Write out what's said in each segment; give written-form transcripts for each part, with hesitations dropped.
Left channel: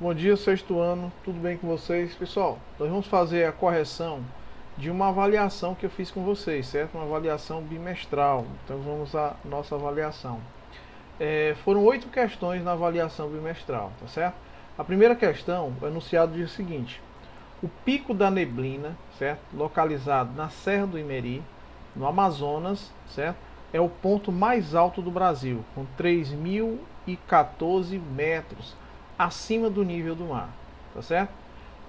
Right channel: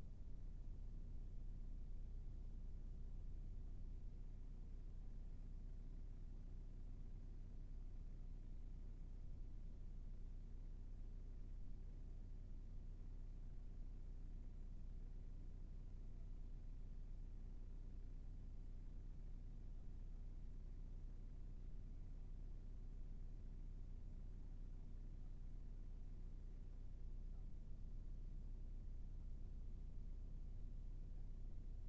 Bom dia, sexto ano, tudo bem com vocês? Pessoal, nós vamos fazer a correção de uma avaliação que eu fiz com vocês, certo? Uma avaliação bimestral. Então vamos à nossa avaliação. Foram 8 questões na avaliação bimestral, tá certo? A primeira questão, o enunciado diz o seguinte: o Pico da Neblina, certo? Localizado na Serra do Imeri, no Amazonas, certo? É o ponto mais alto do Brasil, com 3.014 metros acima do nível do mar, tá certo?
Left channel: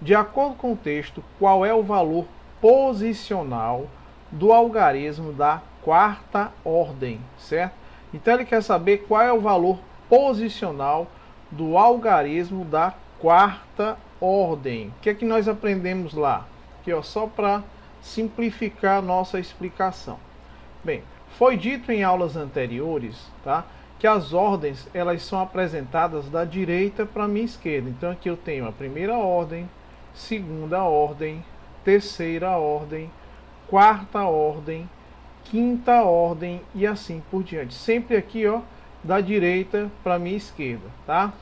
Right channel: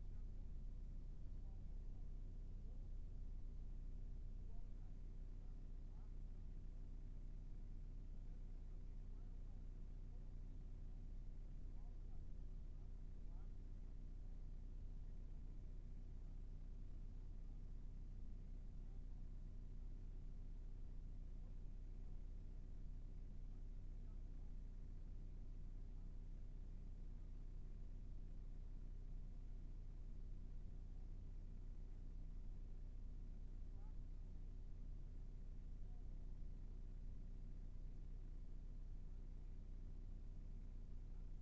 De acordo com o texto, qual é o valor posicional do algarismo da quarta ordem, certo? Então ele quer saber qual é o valor posicional do algarismo da quarta ordem. O que é que nós aprendemos lá? Aqui, ó, só para simplificar a nossa explicação. Bem, foi dito em aulas anteriores, tá, que as ordens elas são apresentadas da direita para a minha esquerda. Então aqui eu tenho a primeira ordem, segunda ordem, terceira ordem, quarta ordem, quinta ordem e assim por diante. Sempre aqui, ó, da direita para a minha esquerda, tá?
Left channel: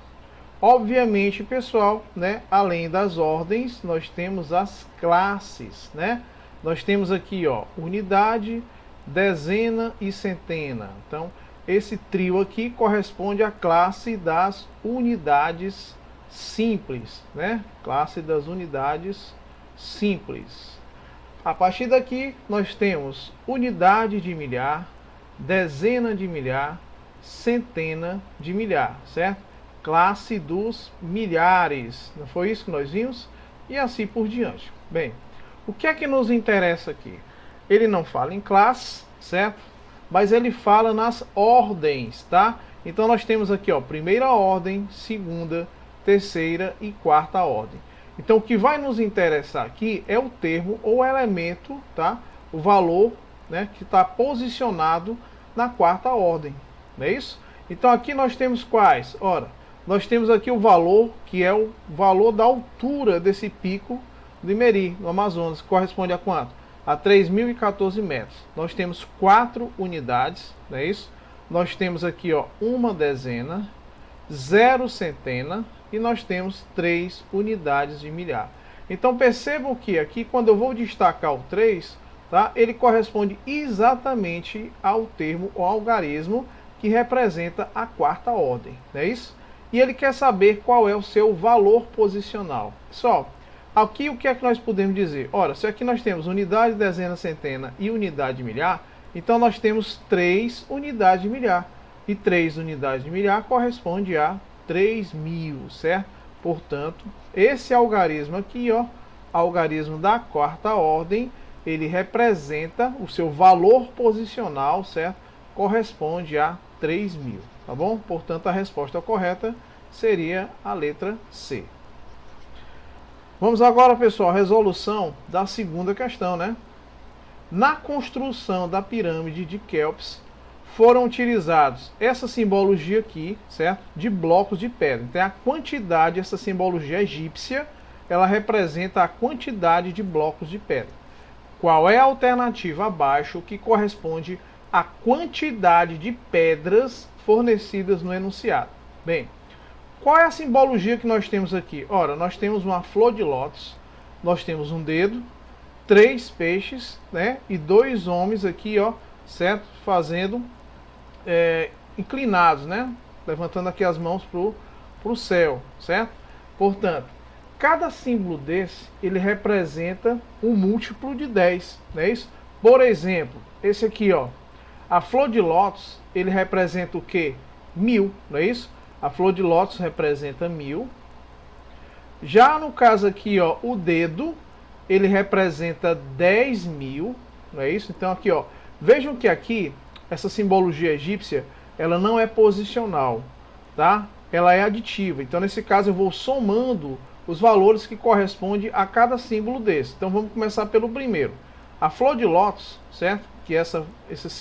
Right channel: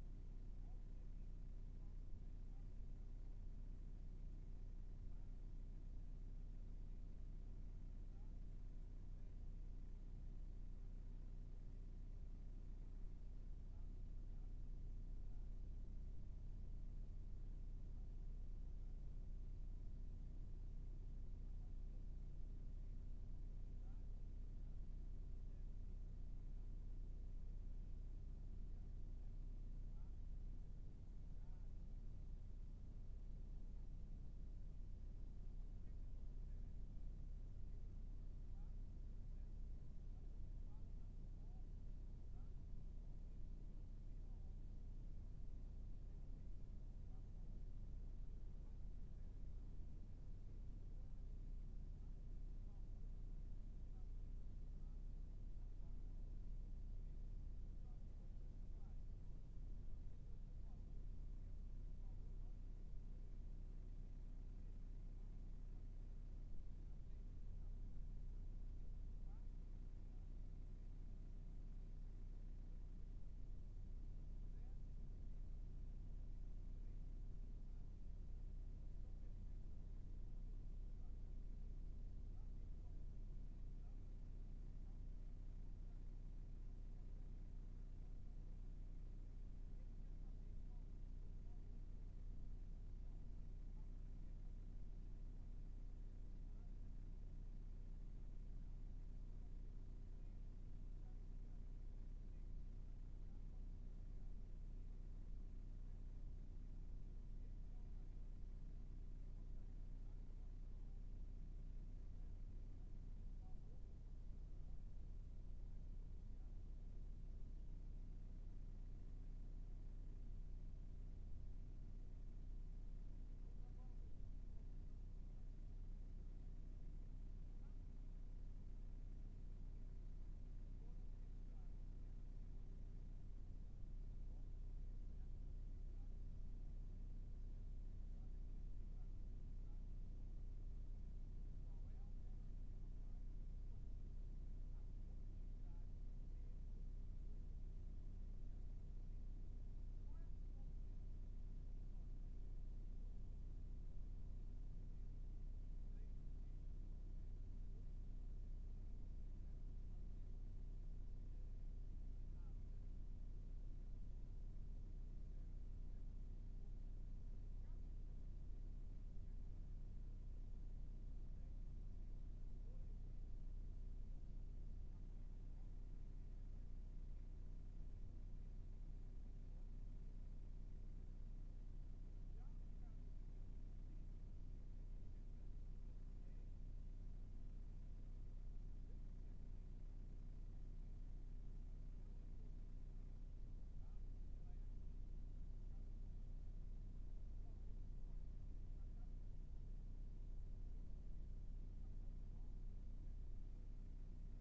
Obviamente, pessoal, né, além das ordens, nós temos as classes, né? Nós temos aqui, ó, unidade, dezena e centena. Então, esse trio aqui corresponde à classe das unidades simples, né? Classe das unidades simples. A partir daqui, nós temos unidade de milhar, dezena de milhar, centena de milhar, certo? Classe dos milhares. Não foi isso que nós vimos? E assim por diante. Bem, o que é que nos interessa aqui? Ele não fala em classe, certo? Mas ele fala nas ordens, tá? Então nós temos aqui, ó, primeira ordem, segunda, terceira e quarta ordem. Então o que vai nos interessar aqui é o termo ou elemento, tá? O valor, né, que está posicionado na quarta ordem, não é isso? Então aqui nós temos quais? Ora, nós temos aqui o valor, que é o valor da altura desse pico do Imeri, no Amazonas, que corresponde a quanto? A 3.014 metros. Nós temos 4 unidades, não é isso? Nós temos aqui, ó, uma dezena, 0 centena e nós temos 3 unidades de milhar. Então percebam que aqui, quando eu vou destacar o 3, tá, ele corresponde exatamente ao termo ou algarismo que representa a quarta ordem, não é isso? E ele quer saber qual é o seu valor posicional. Pessoal, aqui o que é que nós podemos dizer? Ora, se aqui nós temos unidade, dezena, centena e unidade de milhar, então nós temos 3 unidades de milhar. E 3 unidades de milhar corresponde a 3.000, certo? Portanto, esse algarismo aqui, ó, algarismo da quarta ordem, ele representa o seu valor posicional, certo? Corresponde a 3.000, tá bom? Portanto, a resposta correta seria a letra C. Vamos agora, pessoal, à resolução da segunda questão, né? Na construção da pirâmide de Quéops, foram utilizados essa simbologia aqui, certo? De blocos de pedra. Então, a quantidade, essa simbologia egípcia, ela representa a quantidade de blocos de pedra. Qual é a alternativa abaixo que corresponde à quantidade de pedras fornecidas no enunciado? Bem, qual é a simbologia que nós temos aqui? Ora, nós temos uma flor de lótus, nós temos um dedo, 3 peixes, né? E 2 homens aqui, ó, certo? Fazendo inclinados, né? Levantando aqui as mãos pro céu, certo? Portanto, cada símbolo desse, ele representa um múltiplo de 10, não é isso? Por exemplo, esse aqui, ó, a flor de lótus, ele representa o quê? 1.000, não é isso? A flor de lótus representa 1.000. Já no caso aqui, ó, o dedo, ele representa 10.000, não é isso? Então aqui, ó, vejam que aqui, essa simbologia egípcia, ela não é posicional, tá? Ela é aditiva. Então nesse caso eu vou somando os valores que correspondem a cada símbolo desse. Então vamos começar pelo primeiro. A flor de lótus, certo? Que essa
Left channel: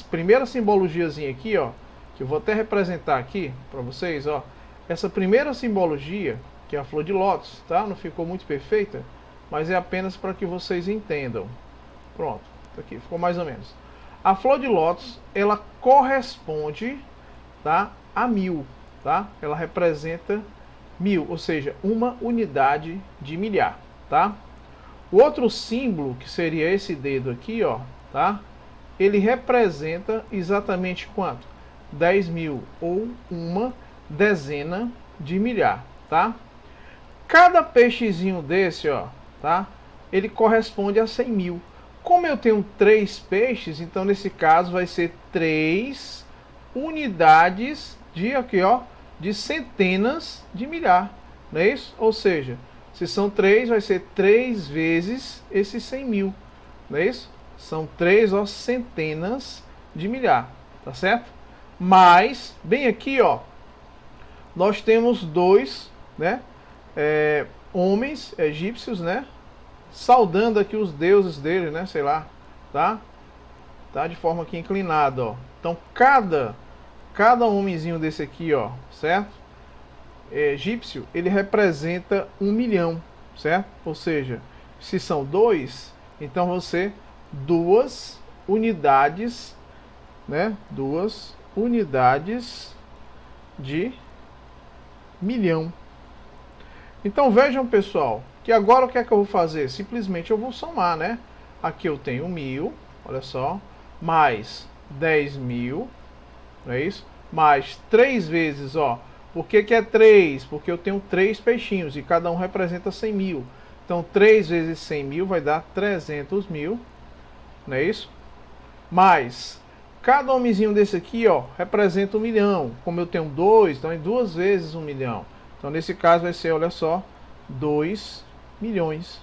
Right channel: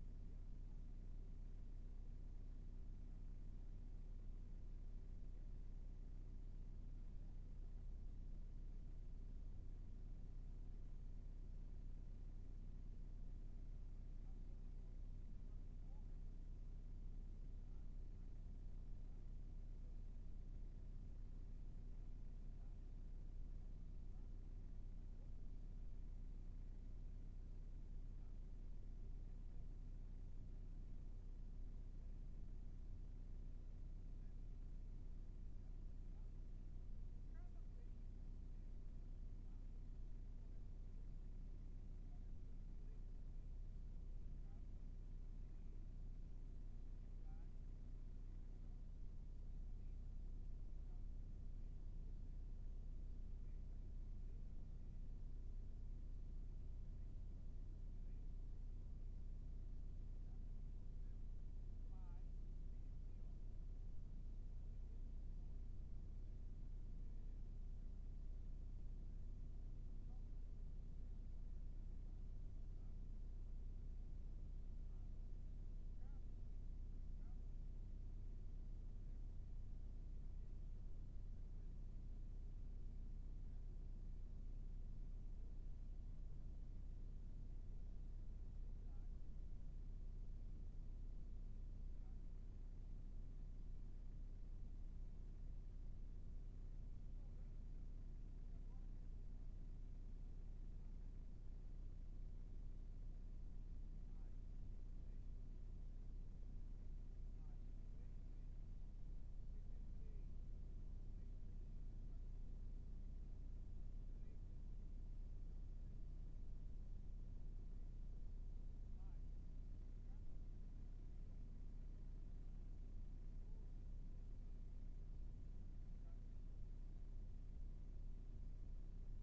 primeira simbologiazinha aqui, ó, que eu vou até representar aqui para vocês, ó. Essa primeira simbologia, que é a flor de lótus, tá? Não ficou muito perfeita, mas é apenas para que vocês entendam. Pronto, aqui ficou mais ou menos. A flor de lótus, ela corresponde, tá, a 1.000, tá? Ela representa mil, ou seja, uma unidade de milhar, tá? O outro símbolo, que seria esse dedo aqui, ó, tá? Ele representa exatamente quanto? 10 mil, ou uma dezena de milhar, tá? Cada peixezinho desse, ó, tá? Ele corresponde a 100 mil. Como eu tenho 3 peixes, então nesse caso vai ser 3 unidades de aqui, ó, de centenas de milhar, não é isso? Ou seja, se são 3, vai ser 3 vezes esses 100 mil, não é isso? São 3, ó, centenas de milhar, tá certo? Mas, bem aqui, ó, nós temos dois, né, homens egípcios, né, saudando aqui os deuses dele, né, sei lá, tá? Tá de forma aqui inclinada, ó. Então, cada homenzinho desse aqui, ó, certo? Egípcio, ele representa 1 milhão, certo? Ou seja, se são 2, então você 2 unidades, né? 2 unidades de milhão. Então vejam, pessoal, que agora o que é que eu vou fazer? Simplesmente eu vou somar, né? Aqui eu tenho 1000, olha só, mais 10 mil, não é isso? Mais 3 vezes, ó. Por que é 3? Porque eu tenho 3 peixinhos e cada um representa 100 mil. Então 3 vezes 100 mil vai dar 300 mil, não é isso? Mais cada homenzinho desse aqui, ó, representa 1 milhão. Como eu tenho 2, então é 2 vezes 1 milhão. Então nesse caso vai ser, olha só, 2 milhões.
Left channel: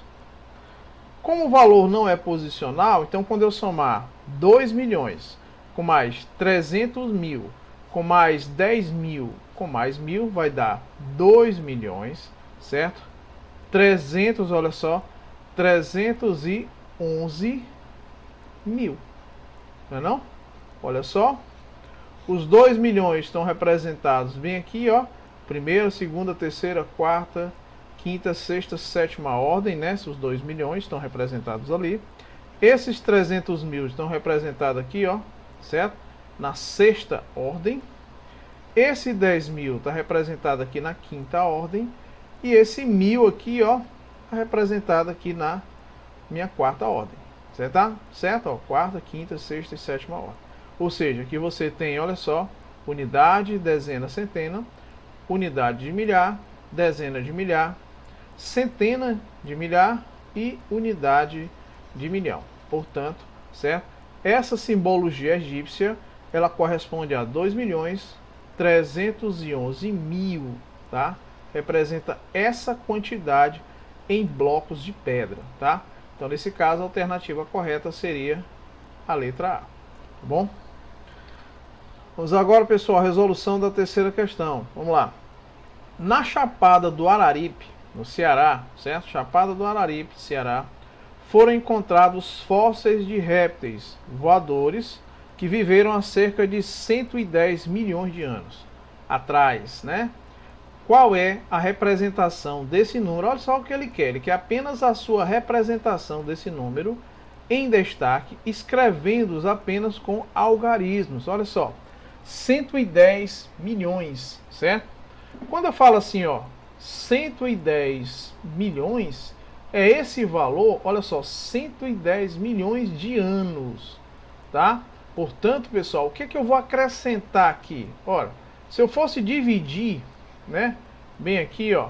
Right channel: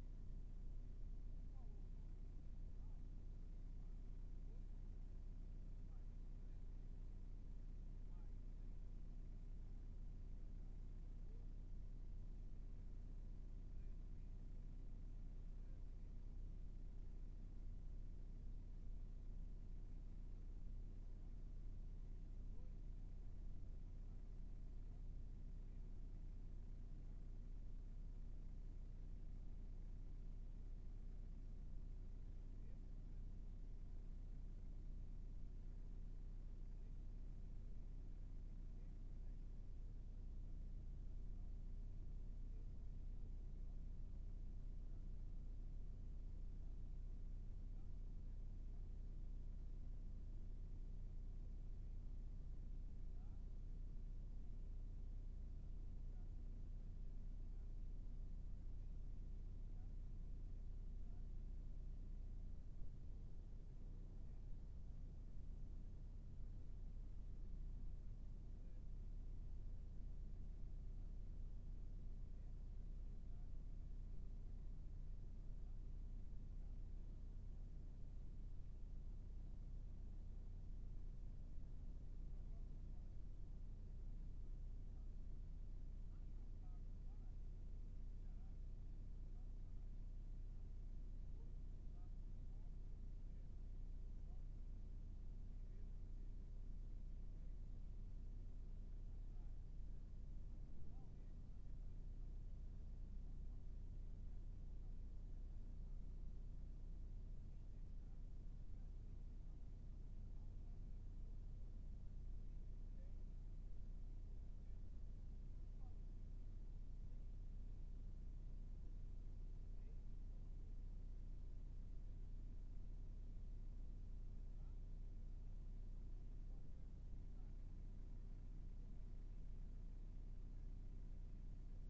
Como o valor não é posicional, então quando eu somar 2 milhões com mais 300 mil, com mais 10 mil, com mais 1000, vai dar 2 milhões, certo? 300, olha só, 311 mil. Não é não? Olha só. Os 2 milhões estão representados bem aqui, ó. Primeira, segunda, terceira, quarta, quinta, sexta, sétima ordem, né? Os 2 milhões estão representados ali. Esses 300 mil estão representados aqui, ó, certo? Na sexta ordem. Esse 10 mil está representado aqui na quinta ordem. E esse 1000 aqui, ó, está representado aqui na minha quarta ordem. Certo? Tá? Certo? Ó, quarta, quinta, sexta e sétima ordem. Ou seja, aqui você tem, olha só, unidade, dezena, centena, unidade de milhar, dezena de milhar, centena de milhar e unidade de milhão. Portanto, certo? Essa simbologia egípcia, ela corresponde a 2 milhões 311 mil, tá? Representa essa quantidade em blocos de pedra, tá? Então, nesse caso, a alternativa correta seria a letra A, tá bom? Vamos agora, pessoal, a resolução da terceira questão. Vamos lá. Na Chapada do Araripe, no Ceará, certo? Chapada do Araripe, Ceará, foram encontrados fósseis de répteis voadores que viveram há cerca de 110 milhões de anos atrás, né? Qual é a representação desse número? Olha só o que ele quer apenas a sua representação desse número em destaque, escrevendo-os apenas com algarismos. Olha só, 110 milhões, certo? Quando eu falo assim, ó, 110 milhões, é esse valor, olha só, 110 milhões de anos, tá? Portanto, pessoal, o que é que eu vou acrescentar aqui? Ora, se eu fosse dividir, né, bem aqui, ó,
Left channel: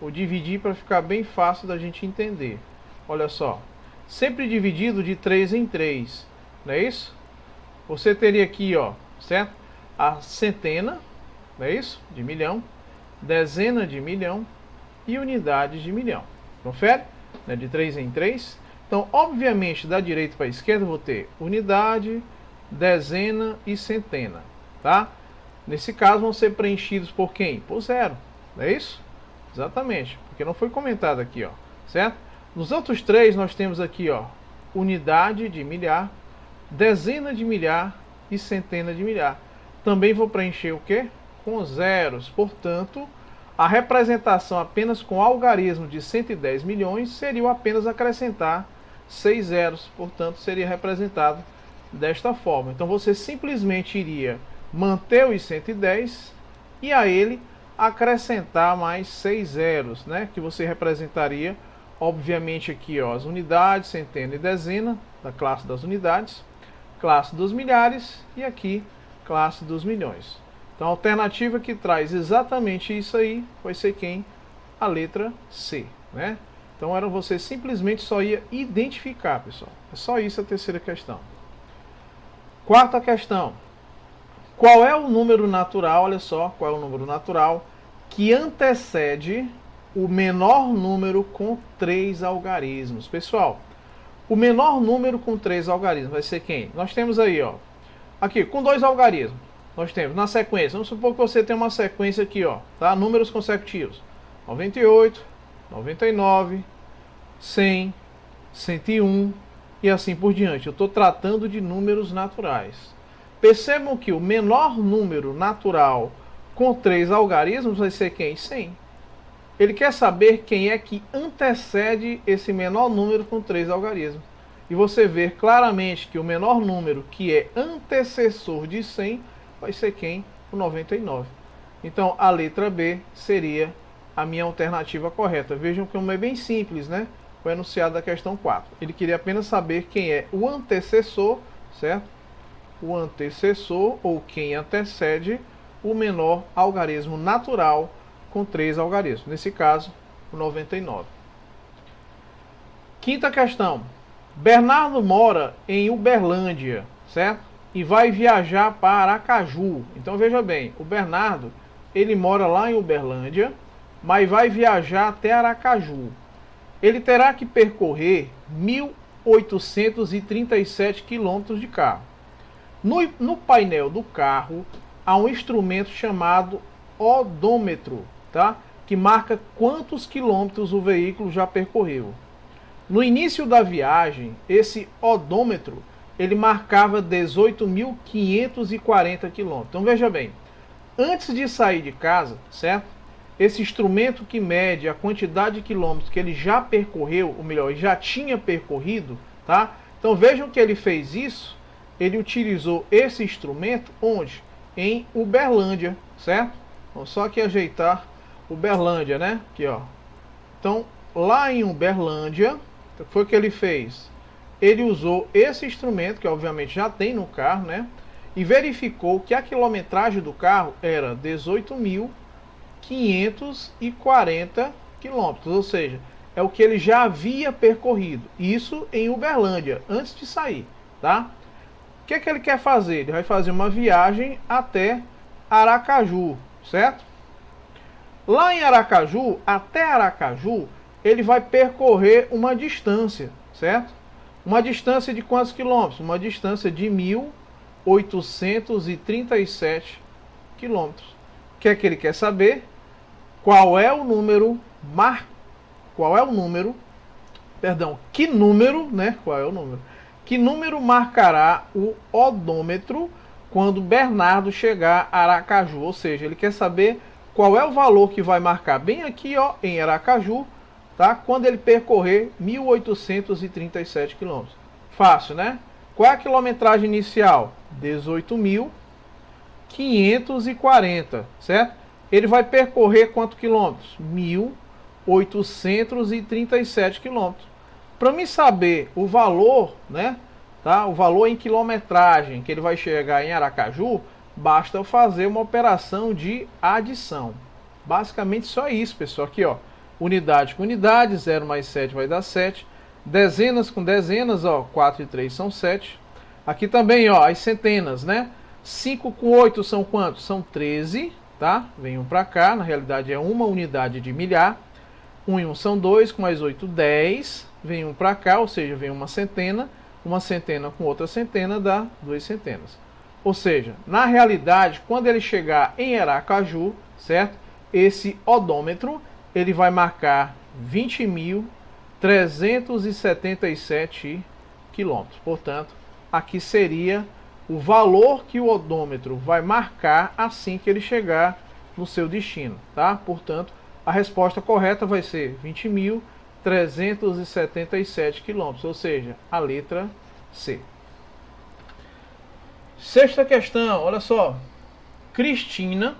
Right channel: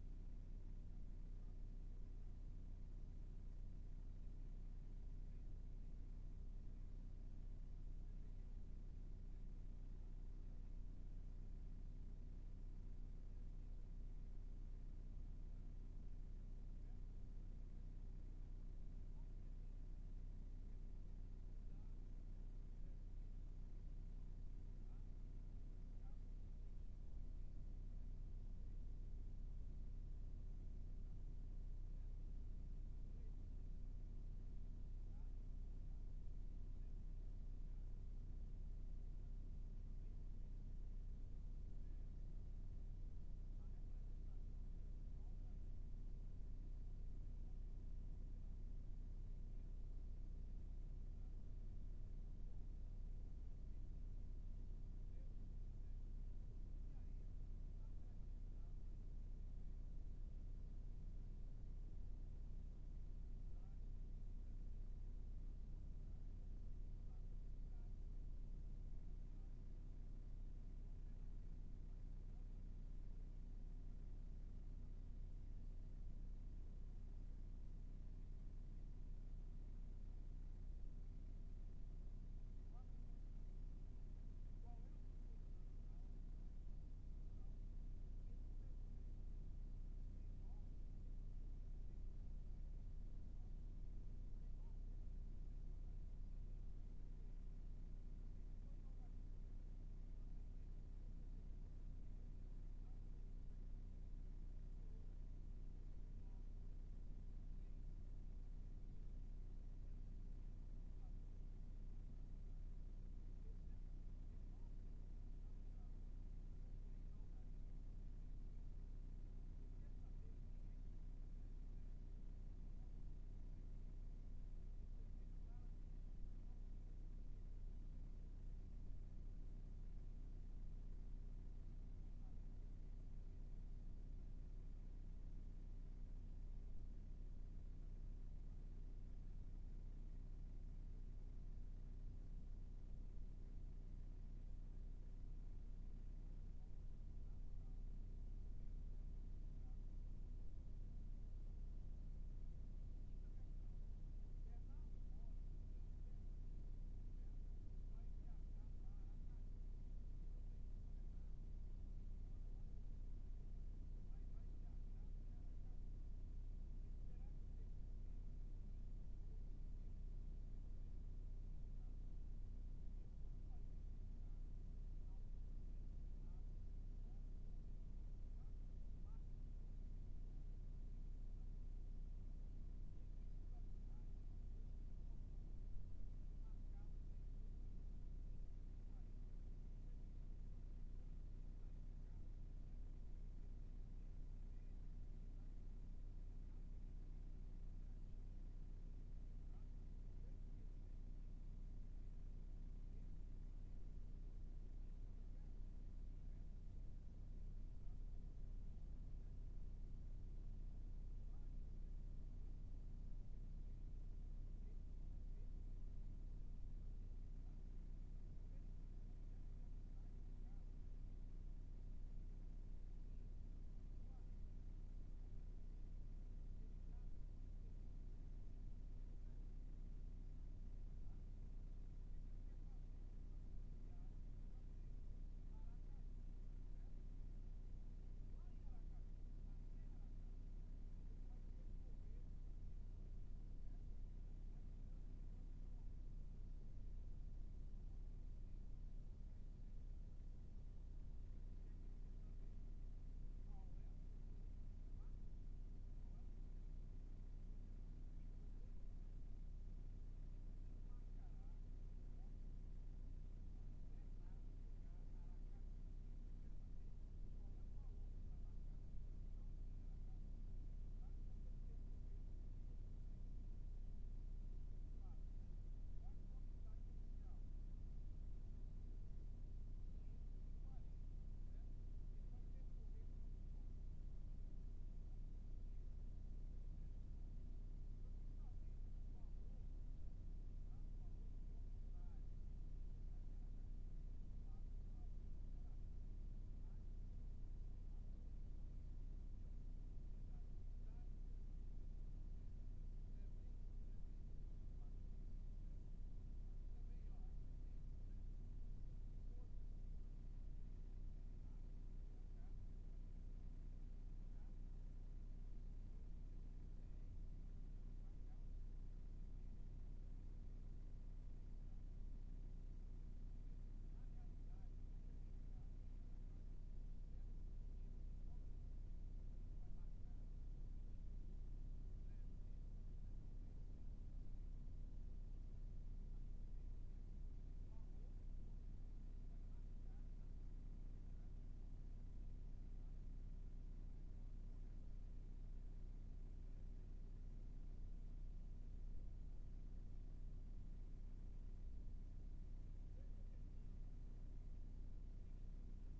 vou dividir para ficar bem fácil da gente entender. Olha só, sempre dividido de 3 em 3, não é isso? Você teria aqui, ó, certo? A centena, não é isso? De milhão, dezena de milhão e unidade de milhão. Confere? Né? De 3 em 3. Então, obviamente, da direita para a esquerda eu vou ter unidade, dezena e centena, tá? Nesse caso vão ser preenchidos por quem? Por zero, não é isso? Exatamente, porque não foi comentado aqui, ó, certo? Nos outros três nós temos aqui, ó, unidade de milhar, dezena de milhar e centena de milhar. Também vou preencher o quê? Com zeros. Portanto, a representação apenas com algarismo de 110 milhões seria apenas acrescentar 6 zeros. Portanto, seria representado desta forma. Então, você simplesmente iria manter os 110 e a ele acrescentar mais 6 zeros, né? Que você representaria, obviamente, aqui ó, as unidades, centena e dezena, da classe das unidades, classe dos milhares e aqui, classe dos milhões. Então a alternativa que traz exatamente isso aí vai ser quem? A letra C, né? Então você simplesmente só ia identificar, pessoal. É só isso a terceira questão. Quarta questão. Qual é o número natural, olha só, qual é o número natural que antecede o menor número com 3 algarismos? Pessoal, o menor número com 3 algarismos vai ser quem? Nós temos aí, ó, aqui, com 2 algarismos. Nós temos na sequência, vamos supor que você tem uma sequência aqui, ó, tá? Números consecutivos. 98, 99, 100, 101 e assim por diante. Eu estou tratando de números naturais. Percebam que o menor número natural com 3 algarismos vai ser quem? 100. Ele quer saber quem é que antecede esse menor número com 3 algarismos. E você vê claramente que o menor número que é antecessor de 100 vai ser quem? O 99. Então a letra B seria a minha alternativa correta. Vejam como é bem simples, né? O enunciado da questão 4. Ele queria apenas saber quem é o antecessor, certo? O antecessor, ou quem antecede, o menor algarismo natural com 3 algarismos. Nesse caso, o 99. Quinta questão. Bernardo mora em Uberlândia, certo? E vai viajar para Aracaju. Então veja bem, o Bernardo, ele mora lá em Uberlândia, mas vai viajar até Aracaju. Ele terá que percorrer 1.837 quilômetros de carro. No painel do carro há um instrumento chamado odômetro, tá? Que marca quantos quilômetros o veículo já percorreu. No início da viagem, esse odômetro ele marcava 18.540 quilômetros. Então veja bem, antes de sair de casa, certo? Esse instrumento que mede a quantidade de quilômetros que ele já percorreu, ou melhor, já tinha percorrido, tá? Então vejam que ele fez isso, ele utilizou esse instrumento onde? Em Uberlândia, certo? Vamos só aqui ajeitar Uberlândia, né? Aqui, ó. Então, lá em Uberlândia, o que foi que ele fez? Ele usou esse instrumento, que obviamente já tem no carro, né? E verificou que a quilometragem do carro era 18.540 quilômetros, ou seja, é o que ele já havia percorrido. Isso em Uberlândia, antes de sair, tá? O que é que ele quer fazer? Ele vai fazer uma viagem até Aracaju, certo? Lá em Aracaju, até Aracaju, ele vai percorrer uma distância, certo? Uma distância de quantos quilômetros? Uma distância de 1.837 quilômetros. O que é que ele quer saber? Qual é o número que número, né? Qual é o número? Que número marcará o odômetro quando Bernardo chegar a Aracaju? Ou seja, ele quer saber qual é o valor que vai marcar bem aqui, ó, em Aracaju, tá? Quando ele percorrer 1.837 quilômetros. Fácil, né? Qual é a quilometragem inicial? 18.540, certo? Ele vai percorrer quantos quilômetros? 1.837 quilômetros. Para mim saber o valor, né? Tá? O valor em quilometragem que ele vai chegar em Aracaju, basta eu fazer uma operação de adição. Basicamente só isso, pessoal. Aqui, ó. Unidade com unidade, 0 mais 7 vai dar 7. Dezenas com dezenas, ó, 4 e 3 são 7. Aqui também, ó, as centenas, né? 5 com 8 são quantos? São 13, tá? Vem um para cá, na realidade é uma unidade de milhar. 1 e 1 são 2, com mais 8, 10. Vem um para cá, ou seja, vem uma centena com outra centena dá 2 centenas. Ou seja, na realidade, quando ele chegar em Aracaju, certo? Esse odômetro, ele vai marcar 20.377 quilômetros. Portanto, aqui seria o valor que o odômetro vai marcar assim que ele chegar no seu destino, tá? Portanto, a resposta correta vai ser 20.377 quilômetros, ou seja, a letra C. Sexta questão, olha só. Cristina,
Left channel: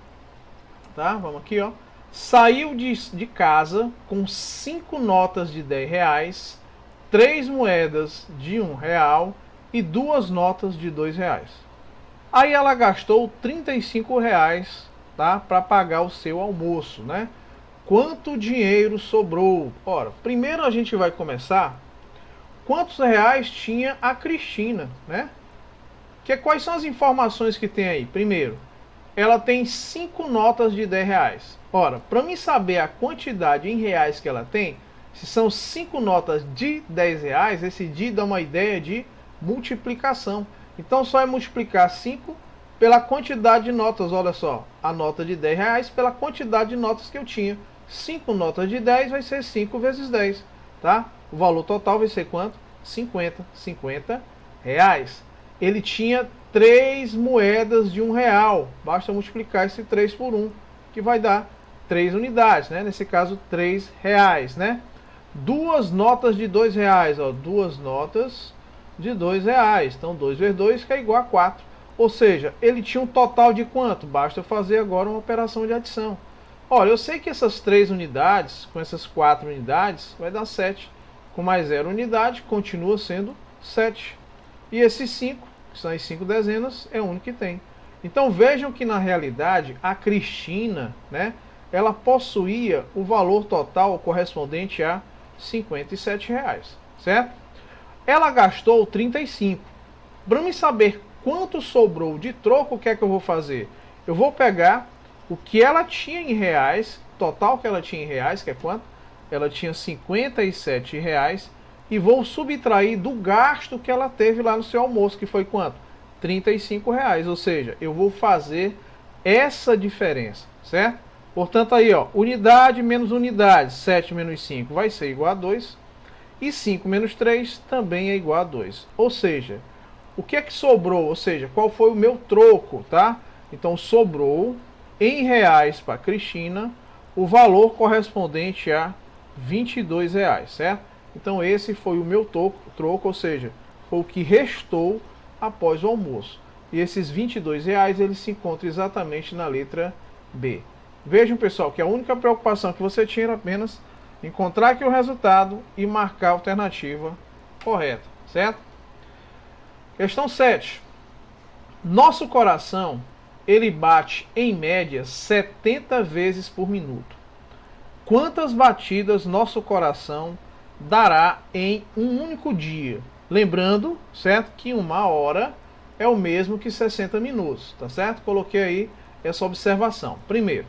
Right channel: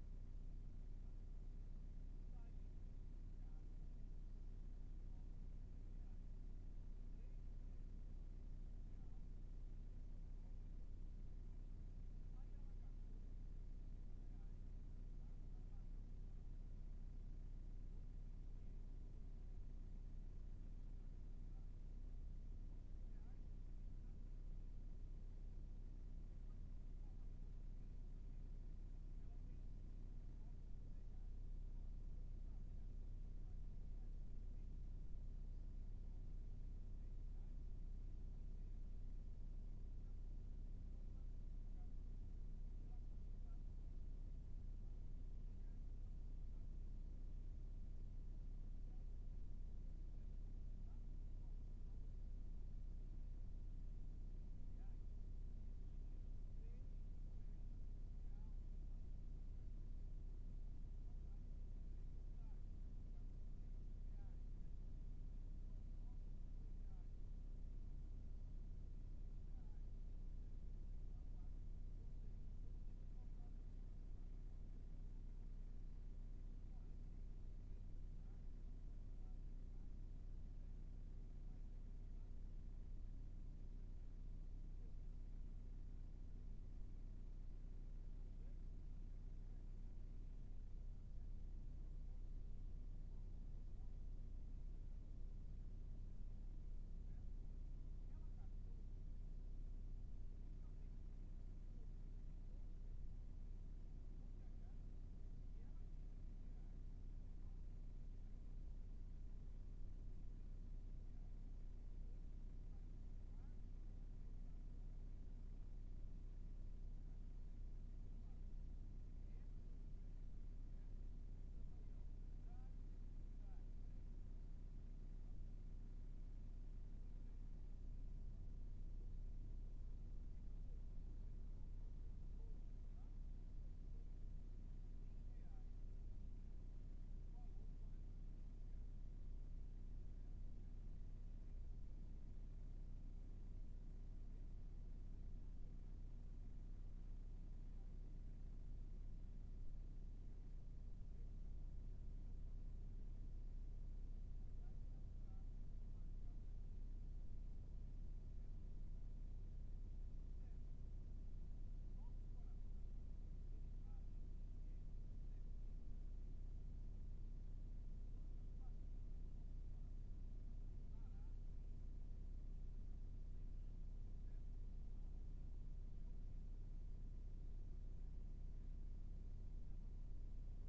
tá? Vamos aqui, ó. Saiu de casa com 5 notas de R$ 10, 3 moedas de R$ 1 e 2 notas de R$ 2. Aí ela gastou R$ 35, tá? Para pagar o seu almoço, né? Quanto dinheiro sobrou? Ora, primeiro a gente vai começar. Quantos reais tinha a Cristina, né? Quais são as informações que tem aí? Primeiro, ela tem 5 notas de R$ 10. Ora, para mim saber a quantidade em reais que ela tem, se são 5 notas de R$ 10, esse de dá uma ideia de multiplicação. Então só é multiplicar 5 pela quantidade de notas. Olha só, a nota de R$ 10 pela quantidade de notas que eu tinha. 5 notas de 10 vai ser 5 vezes 10, tá? O valor total vai ser quanto? 50 reais. Ele tinha 3 moedas de R$ 1. Basta multiplicar esse 3 por 1, que vai dar 3 unidades, né? Nesse caso, R$ 3, né? 2 notas de R$ 2, ó. 2 notas de R$ 2. Então, 2 vezes 2 que é igual a 4. Ou seja, ele tinha um total de quanto? Basta fazer agora uma operação de adição. Olha, eu sei que essas 3 unidades, com essas 4 unidades, vai dar 7. Com mais 0 unidade, continua sendo 7. E esses 5, que são as 5 dezenas, é o único que tem. Então vejam que na realidade, a Cristina, né, ela possuía o valor total correspondente a R$ 57, certo? Ela gastou 35. Para me saber quanto sobrou de troco, o que é que eu vou fazer? Eu vou pegar o que ela tinha em reais, total que ela tinha em reais, que é quanto? Ela tinha R$ 57, e vou subtrair do gasto que ela teve lá no seu almoço, que foi quanto? R$ 35, ou seja, eu vou fazer essa diferença, certo? Portanto aí, ó, unidade menos unidade, 7 menos 5 vai ser igual a 2, e 5 menos 3 também é igual a 2. Ou seja, o que é que sobrou? Ou seja, qual foi o meu troco, tá? Então sobrou em reais para Cristina o valor correspondente a R$ 22, certo? Então esse foi o meu troco, ou seja, foi o que restou após o almoço. E esses R$ 22 eles se encontram exatamente na letra B. Vejam, pessoal, que a única preocupação que você tinha era apenas encontrar aqui o resultado e marcar a alternativa correta, certo? Questão 7. Nosso coração, ele bate em média 70 vezes por minuto. Quantas batidas nosso coração dará em um único dia? Lembrando, certo, que 1 hora é o mesmo que 60 minutos, tá certo? Coloquei aí essa observação. Primeiro,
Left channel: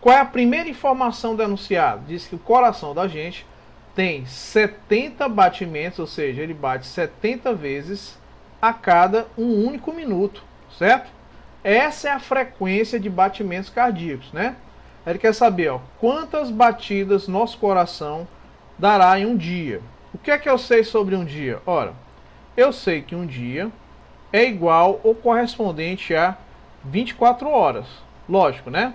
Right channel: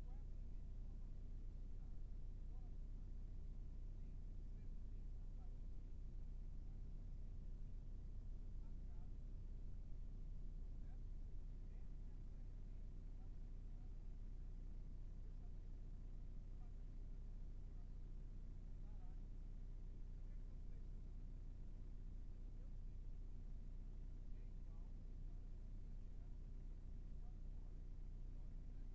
qual é a primeira informação do enunciado? Diz que o coração da gente tem 70 batimentos, ou seja, ele bate 70 vezes a cada um único minuto, certo? Essa é a frequência de batimentos cardíacos, né? Ele quer saber, ó, quantas batidas nosso coração dará em um dia. O que é que eu sei sobre um dia? Ora, eu sei que um dia é igual ou correspondente a 24 horas. Lógico, né?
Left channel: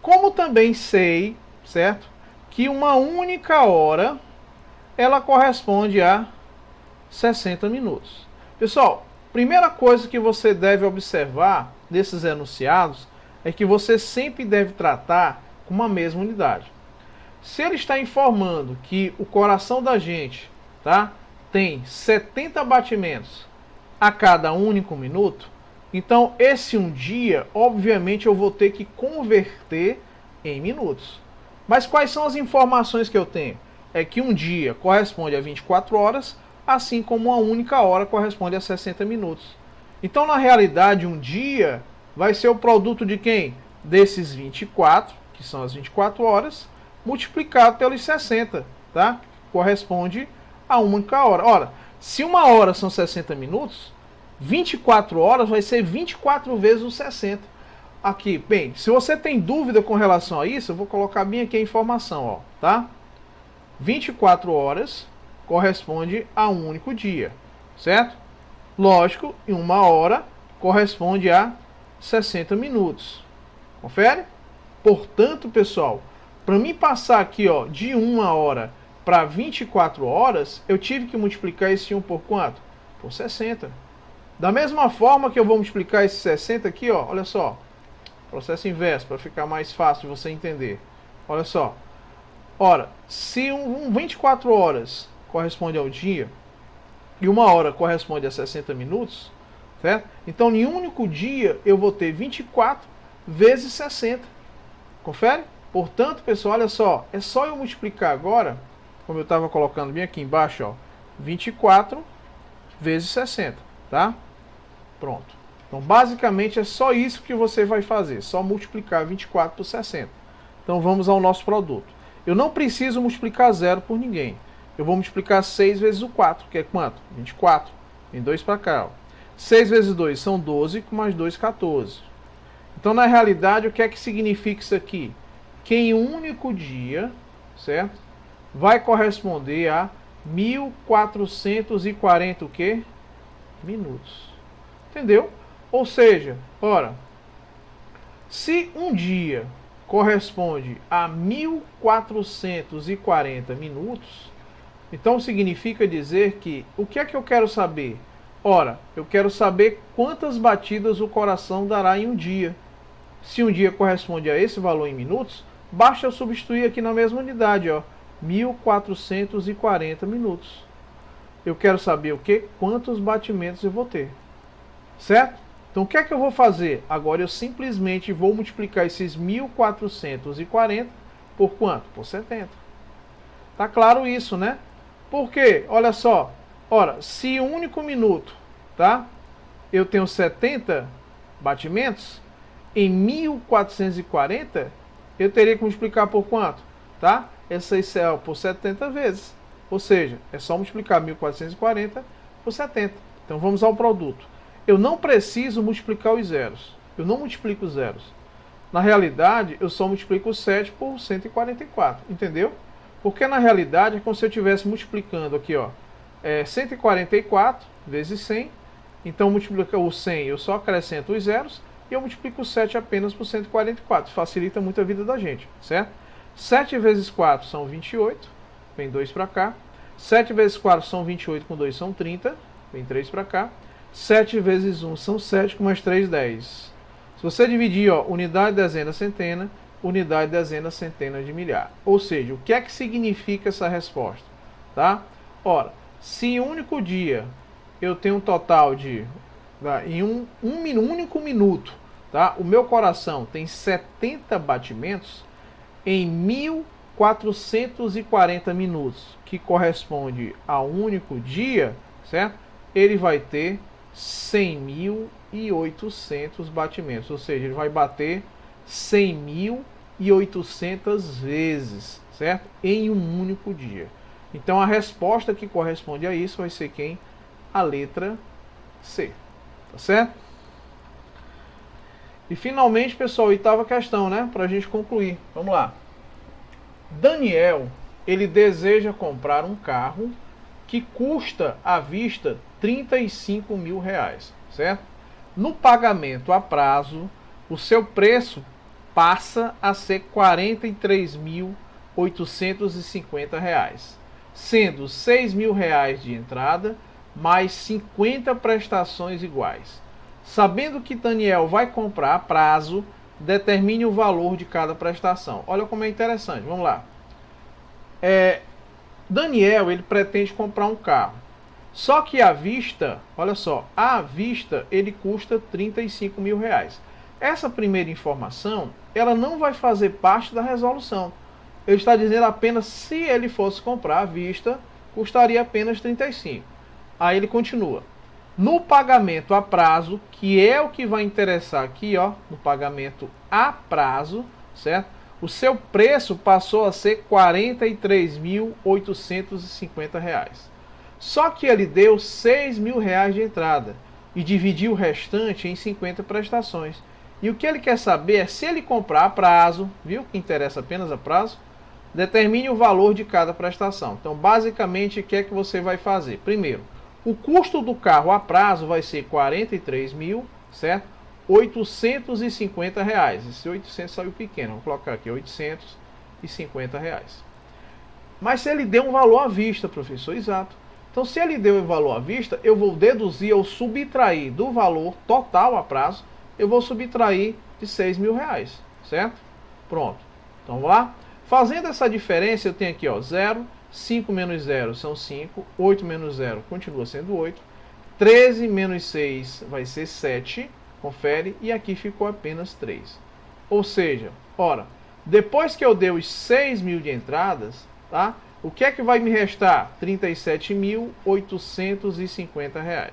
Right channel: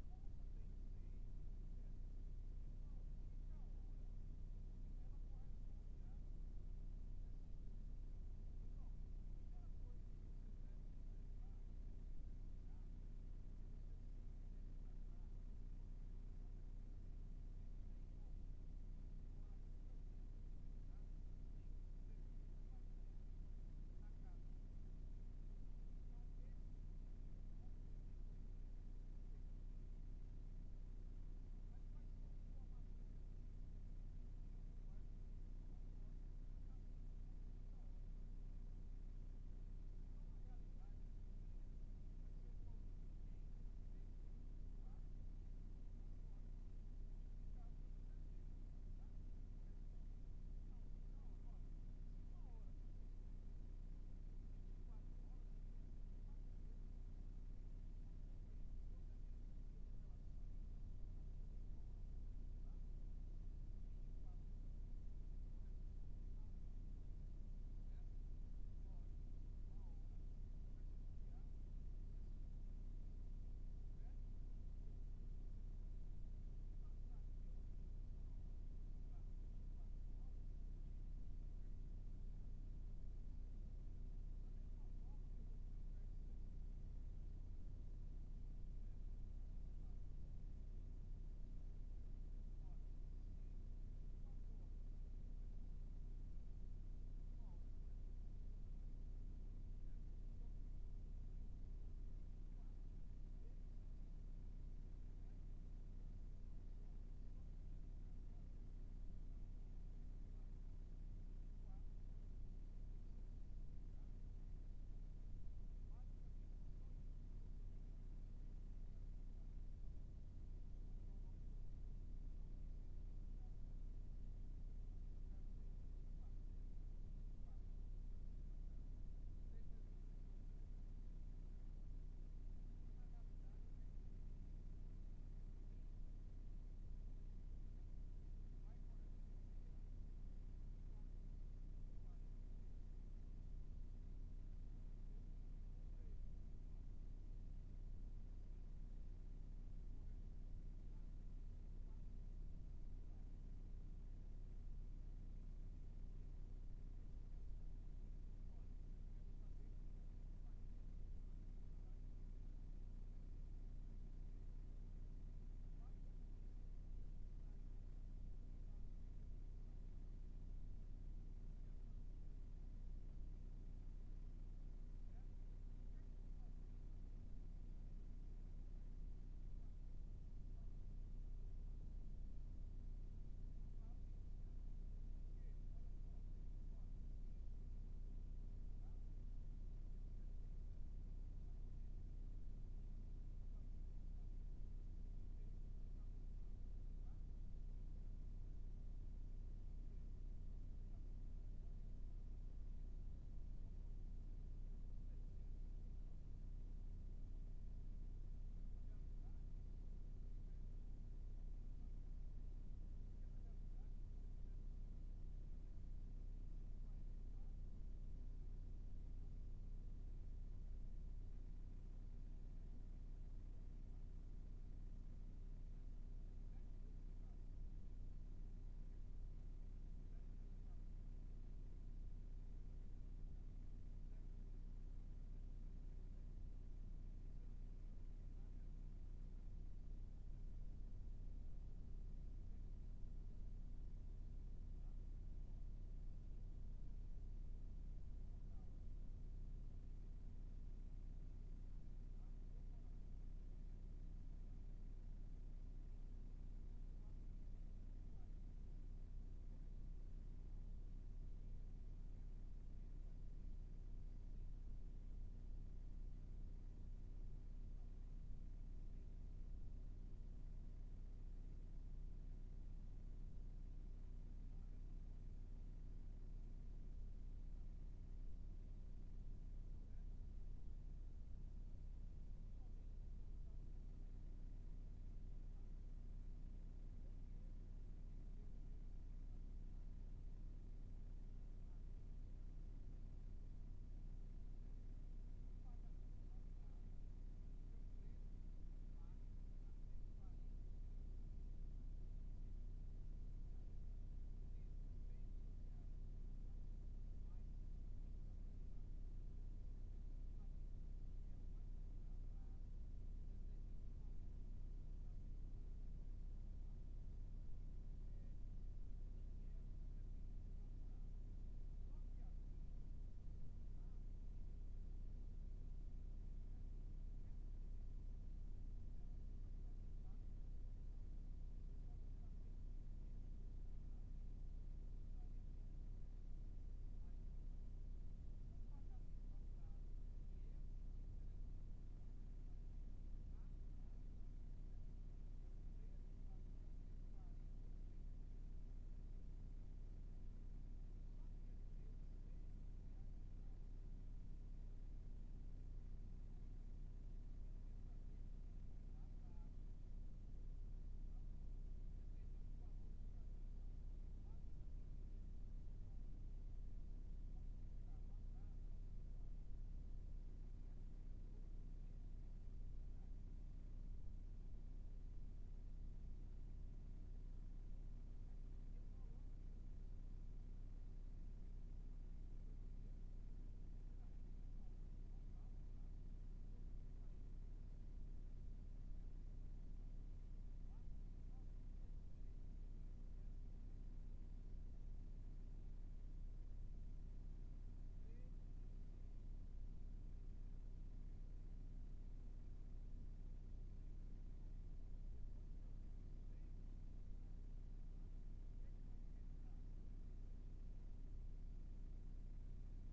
Como também sei, certo, que uma única hora ela corresponde a 60 minutos. Pessoal, primeira coisa que você deve observar desses enunciados é que você sempre deve tratar com uma mesma unidade. Se ele está informando que o coração da gente, tá, tem 70 batimentos a cada único minuto, então esse um dia, obviamente, eu vou ter que converter em minutos. Mas quais são as informações que eu tenho? É que um dia corresponde a 24 horas, assim como uma única hora corresponde a 60 minutos. Então, na realidade, um dia vai ser o produto de quem? Desses 24, que são as 24 horas, multiplicado pelos 60, tá? Corresponde a uma única hora. Ora, se uma hora são 60 minutos, 24 horas vai ser 24 vezes os 60. Aqui, bem, se você tem dúvida com relação a isso, eu vou colocar bem aqui a informação, ó, tá? 24 horas corresponde a um único dia, certo? Lógico, em uma hora corresponde a 60 minutos. Confere? Portanto, pessoal, para mim passar aqui, ó, de 1 hora para 24 horas, eu tive que multiplicar esse 1 por quanto? Por 60. Da mesma forma que eu vou multiplicar esse 60 aqui, ó, olha só, processo inverso, para ficar mais fácil de você entender. Olha só. Ora, se 24 horas corresponde ao dia e 1 hora corresponde a 60 minutos, certo? Então, em um único dia, eu vou ter 24 vezes 60. Confere? Portanto, pessoal, olha só. É só eu multiplicar agora, como eu estava colocando bem aqui embaixo, ó, 24 vezes 60, tá? Pronto. Então, basicamente, é só isso que você vai fazer. Só multiplicar 24 por 60. Então, vamos ao nosso produto. Eu não preciso multiplicar zero por ninguém. Eu vou multiplicar 6 vezes o 4, que é quanto? 24. Vem 2 para cá, ó. 6 vezes 2 são 12, com mais 2, 14. Então, na realidade, o que é que significa isso aqui? Que em um único dia, certo? Vai corresponder a 1440 o quê? Minutos. Entendeu? Ou seja, ora, se um dia corresponde a 1440 minutos, então significa dizer que, o que é que eu quero saber? Ora, eu quero saber quantas batidas o coração dará em um dia. Se um dia corresponde a esse valor em minutos, basta eu substituir aqui na mesma unidade, ó, 1440 minutos. Eu quero saber o que? Quantos batimentos eu vou ter. Certo? Então o que é que eu vou fazer? Agora eu simplesmente vou multiplicar esses 1440 por quanto? Por 70. Tá claro isso, né? Por quê? Olha só. Ora, se um único minuto, tá? Eu tenho 70 batimentos, em 1440 eu teria que multiplicar por quanto? Tá? Essa é por 70 vezes. Ou seja, é só multiplicar 1440 por 70. Então vamos ao produto. Eu não preciso multiplicar os zeros. Eu não multiplico os zeros. Na realidade, eu só multiplico o 7 por 144. Entendeu? Porque na realidade é como se eu estivesse multiplicando aqui, ó, 144 vezes 100. Então multiplica o 100, eu só acrescento os zeros. E eu multiplico o 7 apenas por 144. Facilita muito a vida da gente, certo? 7 vezes 4 são 28. Vem 2 para cá. 7 vezes 4 são 28, com 2 são 30. Vem 3 para cá. 7 vezes 1 são 7, com mais 3, 10. Se você dividir, ó, unidade, dezena, centena, unidade, dezena, centena de milhar. Ou seja, o que é que significa essa resposta? Tá? Ora, se em um único dia eu tenho um total de, em um único minuto, tá? O meu coração tem 70 batimentos, em 1440 minutos, que corresponde a um único dia, certo? Ele vai ter 100.800 batimentos, ou seja, ele vai bater 100.800 vezes, certo? Em um único dia. Então a resposta que corresponde a isso vai ser quem? A letra C, tá certo? E finalmente, pessoal, oitava questão, né? Para a gente concluir. Vamos lá. Daniel, ele deseja comprar um carro que custa à vista 35 mil reais, certo? No pagamento a prazo, o seu preço passa a ser 43.850 reais, sendo 6 mil reais de entrada, mais 50 prestações iguais. Sabendo que Daniel vai comprar a prazo, determine o valor de cada prestação. Olha como é interessante, vamos lá. Daniel, ele pretende comprar um carro. Só que à vista, olha só, à vista ele custa 35 mil reais. Essa primeira informação, ela não vai fazer parte da resolução. Ele está dizendo apenas se ele fosse comprar à vista, custaria apenas 35. Aí ele continua. No pagamento a prazo, que é o que vai interessar aqui, ó, no pagamento a prazo, certo? O seu preço passou a ser R$ 43.850. Só que ele deu 6 mil reais de entrada e dividiu o restante em 50 prestações. E o que ele quer saber é se ele comprar a prazo, viu? Que interessa apenas a prazo, determine o valor de cada prestação. Então, basicamente, o que é que você vai fazer? Primeiro, o custo do carro a prazo vai ser 43 mil, certo? 850 reais. Esse 800 saiu pequeno, vou colocar aqui 850 reais. Mas se ele deu um valor à vista, professor, exato. Então, se ele deu um valor à vista, eu vou deduzir ou subtrair do valor total a prazo, eu vou subtrair de 6 mil reais, certo? Pronto. Então vamos lá. Fazendo essa diferença, eu tenho aqui, ó, 0, 5 menos 0 são 5, 8 menos 0 continua sendo 8, 13 menos 6 vai ser 7, confere, e aqui ficou apenas 3. Ou seja, ora, depois que eu dei os 6 mil de entradas, tá? O que é que vai me restar? R$ 37.850.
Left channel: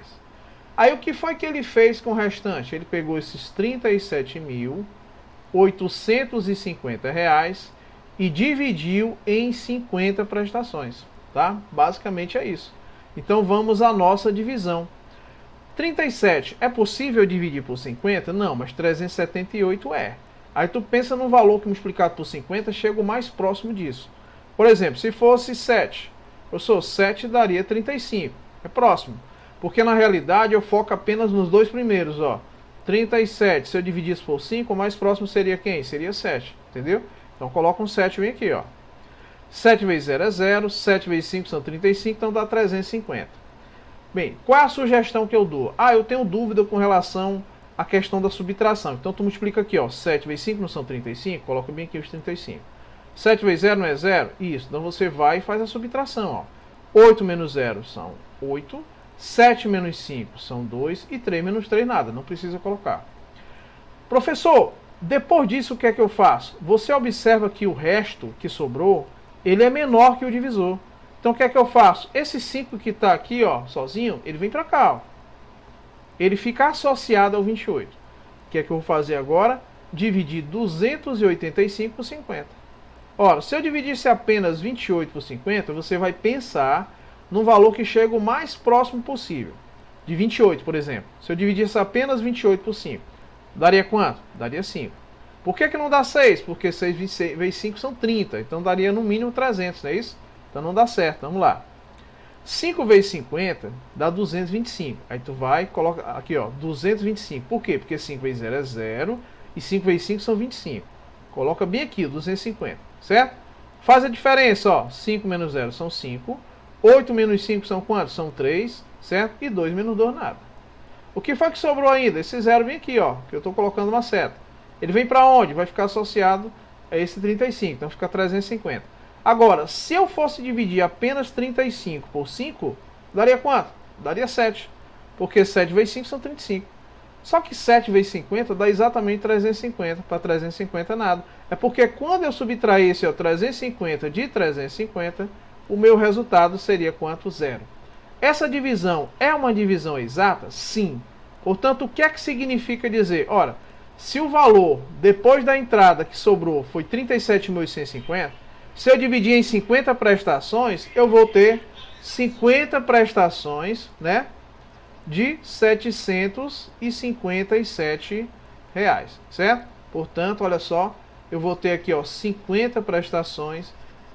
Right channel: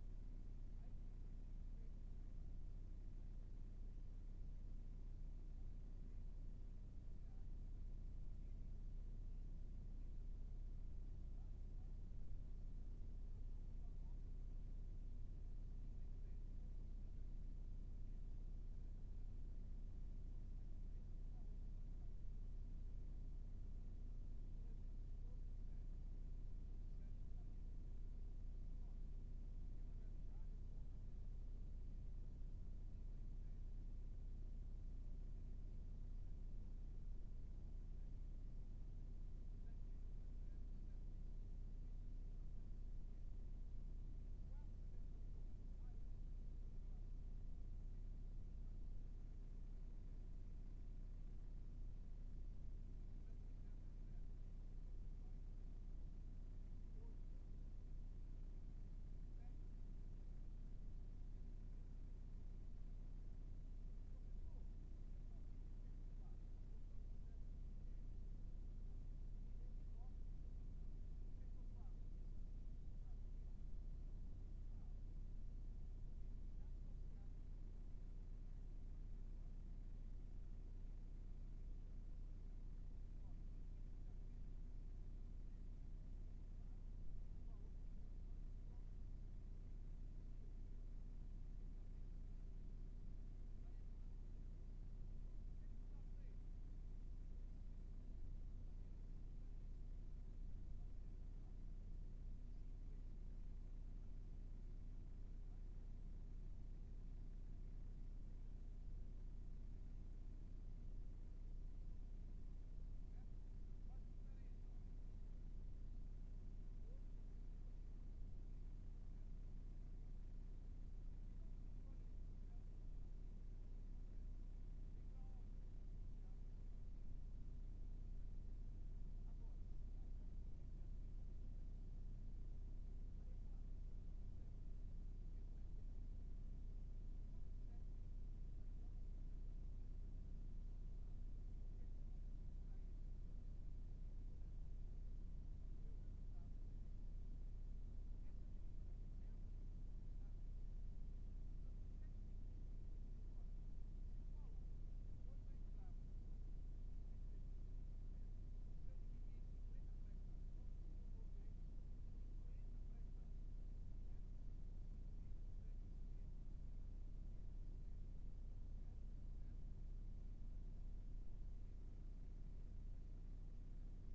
Aí o que foi que ele fez com o restante? Ele pegou esses R$ 37.850 e dividiu em 50 prestações, tá? Basicamente é isso. Então vamos à nossa divisão. 37 é possível dividir por 50? Não, mas 378 é. Aí tu pensa no valor que multiplicado por 50 chega o mais próximo disso. Por exemplo, se fosse 7, eu sou 7 daria 35. É próximo. Porque na realidade eu foco apenas nos dois primeiros, ó. 37, se eu dividisse por 5, o mais próximo seria quem? Seria 7, entendeu? Então coloca um 7 bem aqui, ó. 7 vezes 0 é 0, 7 vezes 5 são 35, então dá 350. Bem, qual é a sugestão que eu dou? Ah, eu tenho dúvida com relação à questão da subtração. Então tu multiplica aqui, ó. 7 vezes 5 não são 35? Coloca bem aqui os 35. 7 vezes 0 não é 0? Isso. Então você vai e faz a subtração, ó. 8 menos 0 são 8. 7 menos 5 são 2. E 3 menos 3 nada. Não precisa colocar. Professor, depois disso o que é que eu faço? Você observa que o resto que sobrou, ele é menor que o divisor. Então o que é que eu faço? Esse 5 que está aqui, ó, sozinho, ele vem para cá, ó. Ele fica associado ao 28. O que é que eu vou fazer agora? Dividir 285 por 50. Ora, se eu dividisse apenas 28 por 50, você vai pensar no valor que chega o mais próximo possível. De 28, por exemplo. Se eu dividisse apenas 28 por 5, daria quanto? Daria 5. Por que não dá 6? Porque 6 vezes 5 são 30. Então daria no mínimo 300, não é isso? Então não dá certo. Vamos lá. 5 vezes 50 dá 225. Aí tu vai e coloca aqui, ó, 225. Por quê? Porque 5 vezes 0 é 0 e 5 vezes 5 são 25. Coloca bem aqui, 250, certo? Faz a diferença, ó. 5 menos 0 são 5. 8 menos 5 são quantos? São 3, certo? E 2 menos 2 nada. O que foi que sobrou ainda? Esse 0 vem aqui, ó, que eu estou colocando uma seta. Ele vem para onde? Vai ficar associado a esse 35, então fica 350. Agora, se eu fosse dividir apenas 35 por 5, daria quanto? Daria 7. Porque 7 vezes 5 são 35. Só que 7 vezes 50 dá exatamente 350. Para 350 nada. É porque quando eu subtrair esse, ó, 350 de 350, o meu resultado seria quanto? 0. Essa divisão é uma divisão exata? Sim. Portanto, o que é que significa dizer? Ora, se o valor depois da entrada que sobrou foi 37.850, se eu dividir em 50 prestações, eu vou ter 50 prestações, né, de R$ 757, certo? Portanto, olha só, eu vou ter aqui, ó, 50 prestações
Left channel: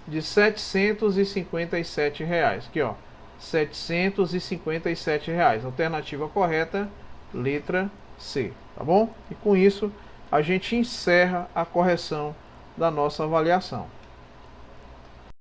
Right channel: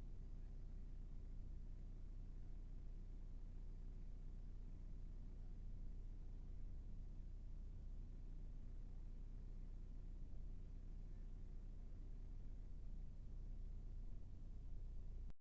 de R$ 757. Aqui, ó, R$ 757. Alternativa correta, letra C, tá bom? E com isso, a gente encerra a correção da nossa avaliação.